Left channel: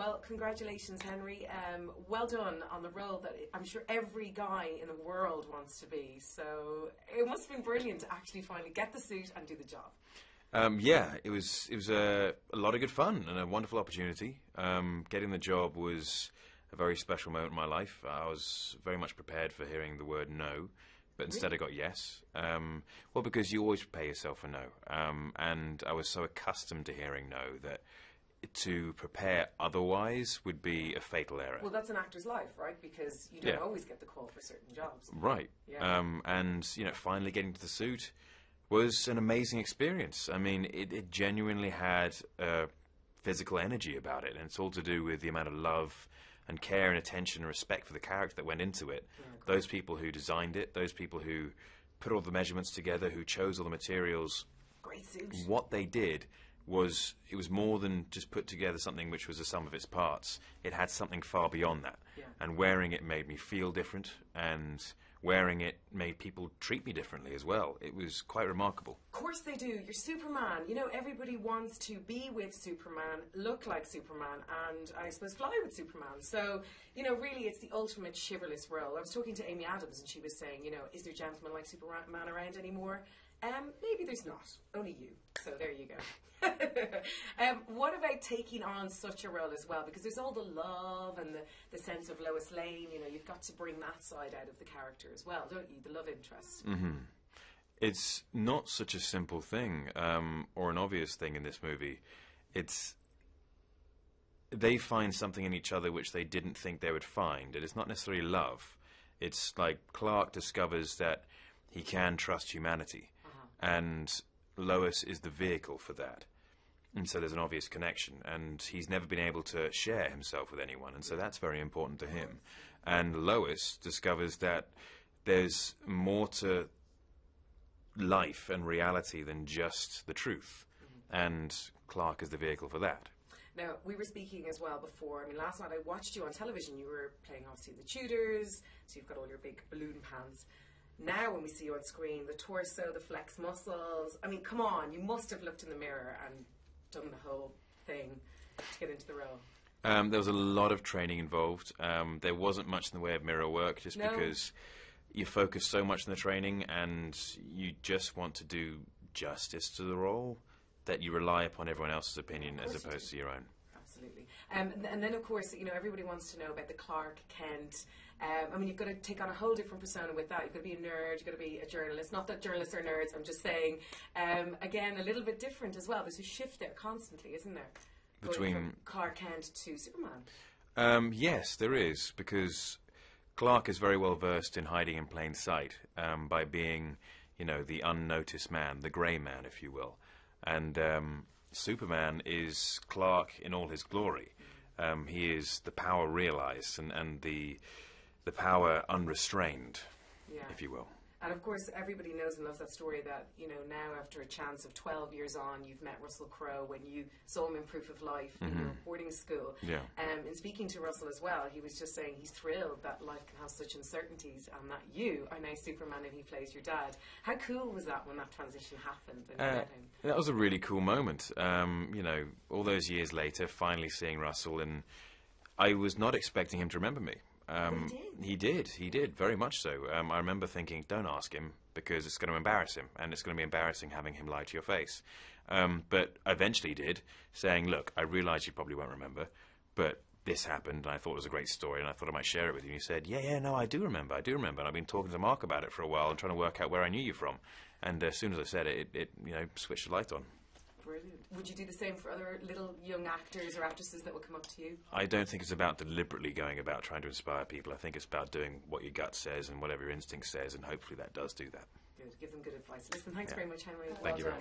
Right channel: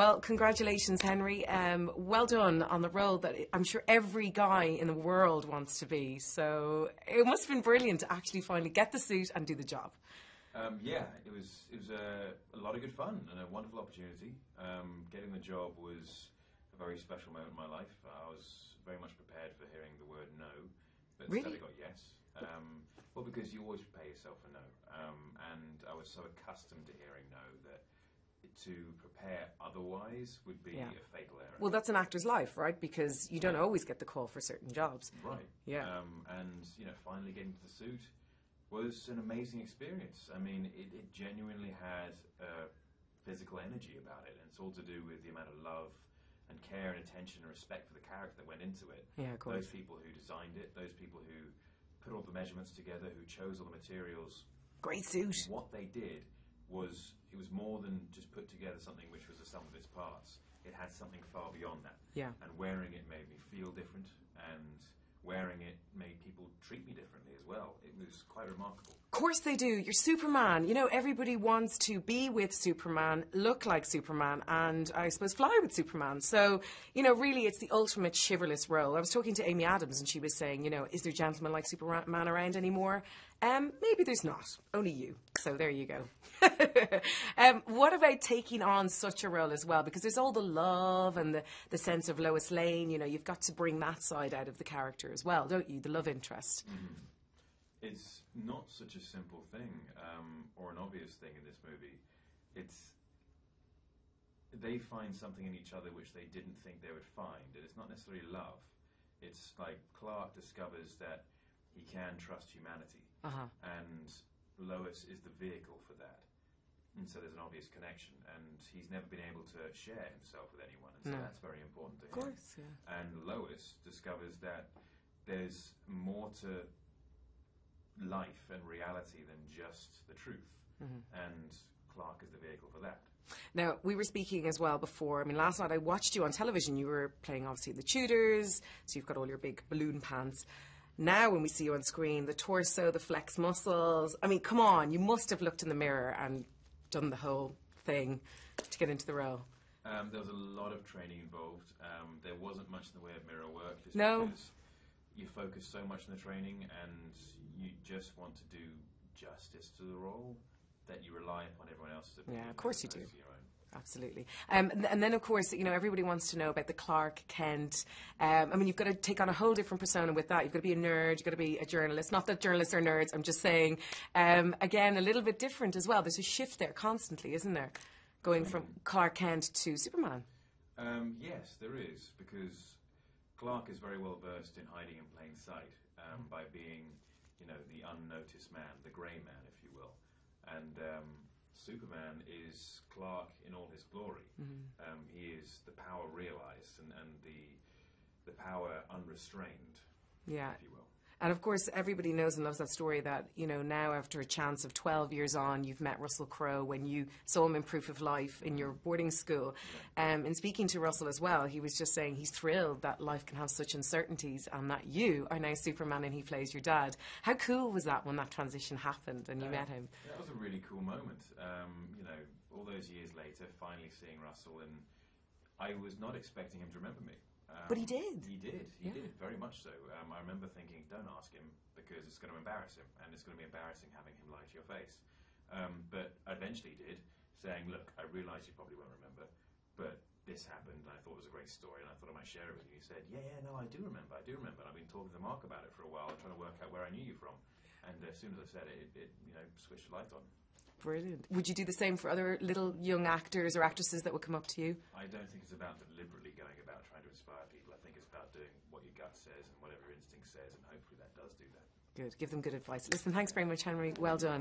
Well, congratulations, Henry. Well done on the role that I'm sure every guy in the world wants to be. So it must have been brilliant to actually finally get the suit and do the job. Yeah, it was a lot of good fun and a wonderful opportunity. Getting the job was a very special moment in my life. I was very much prepared for hearing the word no, but instead Really? I got yes. Well, because you always prepare yourself for no. And I was so accustomed to hearing no that to prepare otherwise would be a fatal error. Well, that's an actor's life, right? Because you don't always get the call for certain jobs. Right. Yeah. And, finally getting to the suit was an amazing experience. I mean, it genuinely had physical energy about it, and it's all to do with the amount of love and care and attention and respect for the character that went into it. Yeah, of course. Those people who designed it, those people who put all the measurements together, who chose all the materials. Great suit. What they did was, it was more than just put together something which was the sum of its parts. It had something far beyond that. Yeah. And wearing it made me feel different, and wearing it made people treat me differently as well. It was quite remarkable. Of course they do. You're Superman. You know, everybody wants to be with Superman, look like Superman, and I suppose fly with Superman. So, really it's the ultimate chivalrous role. I was talking to Amy Adams and she was saying, is there gentlemen like Superman around anymore? Maybe there's not. Only you. So there you go. What about taking on such a role as well? Because there's all the love and the sense of Lois Lane. You've got to bring that side out of the character as well, don't you? The love interest. Mm-hmm. It's not such a simple thing or an obvious thing in this movie. They find something in each other which they didn't think they would find. And it's not necessarily love. It's like Clark discovers that he can trust humanity. And Lois is the vehicle for that. And so there's an obvious connection. And he's never been able to share himself with anyone. And so that's very important to him. Course, yeah. And Lois discovers that there's more to life and reality than just the truth. And Clark is the vehicle for that. Now, we were speaking as well before. I mean, last night I watched you on television. You were playing, obviously, the Tudors. So you've got all your big balloon pants. Now, when we see you on screen, the torso, the flex muscles. I mean, come on. You must have looked in the mirror and done the whole thing to get into the role. There was a lot of training involved. There wasn't much in the way of mirror work, just No. because you focus so much on the training and you just want to do justice to the role that you rely upon everyone else's opinion course as you opposed do. to your own. Absolutely. And then, of course, everybody wants to know about the Clark Kent. I mean, you've got to take on a whole different persona with that. You've got to be a nerd. You've got to be a journalist. Not that journalists are nerds. I'm just saying, again, a little bit different as well. There's a shift there constantly, isn't there? Going from Clark Kent to Superman. Yes, there is, because Clark is very well versed in hiding in plain sight by being, the unnoticed man, the grey man, if you will. And Superman is Clark in all his glory. He is the power realized and the power unrestrained, if you will. And of course, everybody knows and loves that story that, now after a chance of 12 years on, you've met Russell Crowe when you saw him in Proof of Life in your boarding school. Yeah. And speaking to Russell as well, he was just saying he's thrilled that life can have such uncertainties and that you are now Superman and he plays your dad. How cool was that when that transition happened and you met him? That was a really cool moment. All those years later, finally seeing Russell, and I was not expecting him to remember me. But he did. He did, very much so. I remember thinking, don't ask him, because it's going to embarrass him, and it's going to be embarrassing having him lie to your face. But eventually he did, saying, look, I realise you probably won't remember, but this happened, and I thought it was a great story, and I thought I might share it with you. And he said, no, I do remember, and I've been talking to Mark about it for a while and trying to work out where I knew you from. And as soon as I said it, it switched the light on. Brilliant. Would you do the same for other little young actors or actresses that would come up to you? I don't think it's about deliberately going about trying to inspire people. I think it's about doing what your gut says and whatever your instinct says, and hopefully that does do that. Good. Give them good advice. Listen, thanks very much, Henry. Well done.